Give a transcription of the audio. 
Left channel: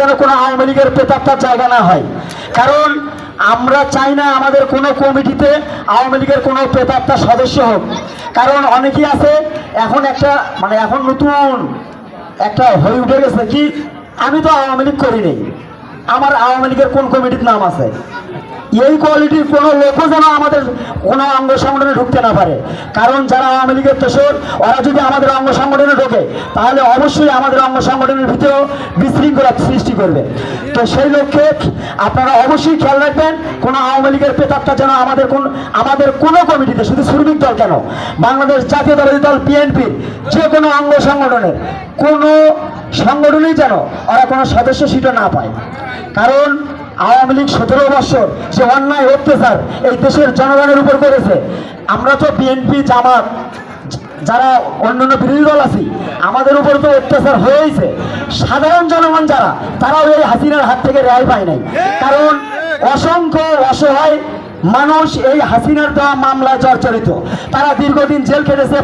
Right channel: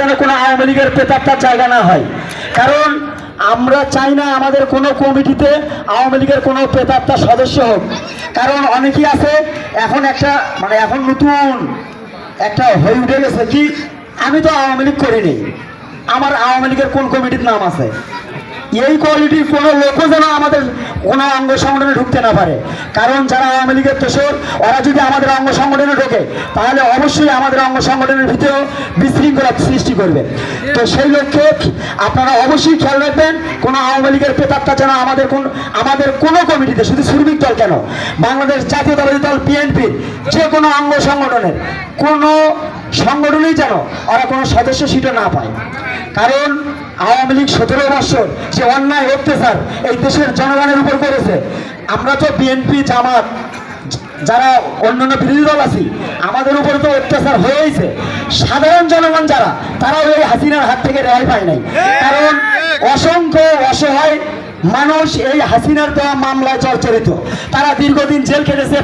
যেন কোনো আওয়ামী লীগের প্রেতাত্মার জায়গা না হয়। কারণ আমরা চাই না আমাদের কোনো কমিটিতে আওয়ামী লীগের কোনো প্রেতাত্মার সদস্য হোক। কারণ অনেকেই আছে এখন একটা এখন নতুন একটা হয়ে উঠে গেছে কি, আমি তো আওয়ামী লীগ করিনি, আমার আওয়ামী লীগের কোন কমিটির নাম আছে। এই কোয়ালিটির কোনো লোকও যেন আমাদের কোনো অঙ্গ সংগঠনে ঢুকতে না পারে। কারণ যারা আওয়ামী লীগের দোষর, ওরা যদি আমাদের অঙ্গ সংগঠনে ঢোকে তাহলে অবশ্যই আমাদের অঙ্গ সংগঠনের ভিতরেও বিশৃঙ্খলা সৃষ্টি করবে। তো সেই লক্ষ্যে আপনারা অবশ্যই খেয়াল রাখবেন, কোনো আওয়ামী লীগের প্রেতাত্মা যেন আমাদের কোনো কমিটিতে, শুধু শ্রমিক দল কেন, বাংলাদেশ জাতীয়তাবাদী দল বিএনপির যে কোনো অঙ্গ সংগঠনের কোনো সংগঠনই যেন ওরা কোনো সদস্য সিটও না পায়। কারণ আওয়ামী লীগ 17 বছর যে অন্যায় অত্যাচার এই দেশের জনগণের উপর করেছে, আমরা তো বিএনপি জামাত যারা অন্যান্য বিরোধী দল আছি, আমাদের উপর তো অত্যাচার হয়েছে। সাধারণ জনগণ যারা, তারাও এই হাসিনার হাত থেকে রেহাই পায় নাই। কারণ অসংখ্য অসহায় মানুষ এই হাসিনার দেওয়া মামলায় জর্জরিত, তারা দীর্ঘদিন জেল খেটেছে,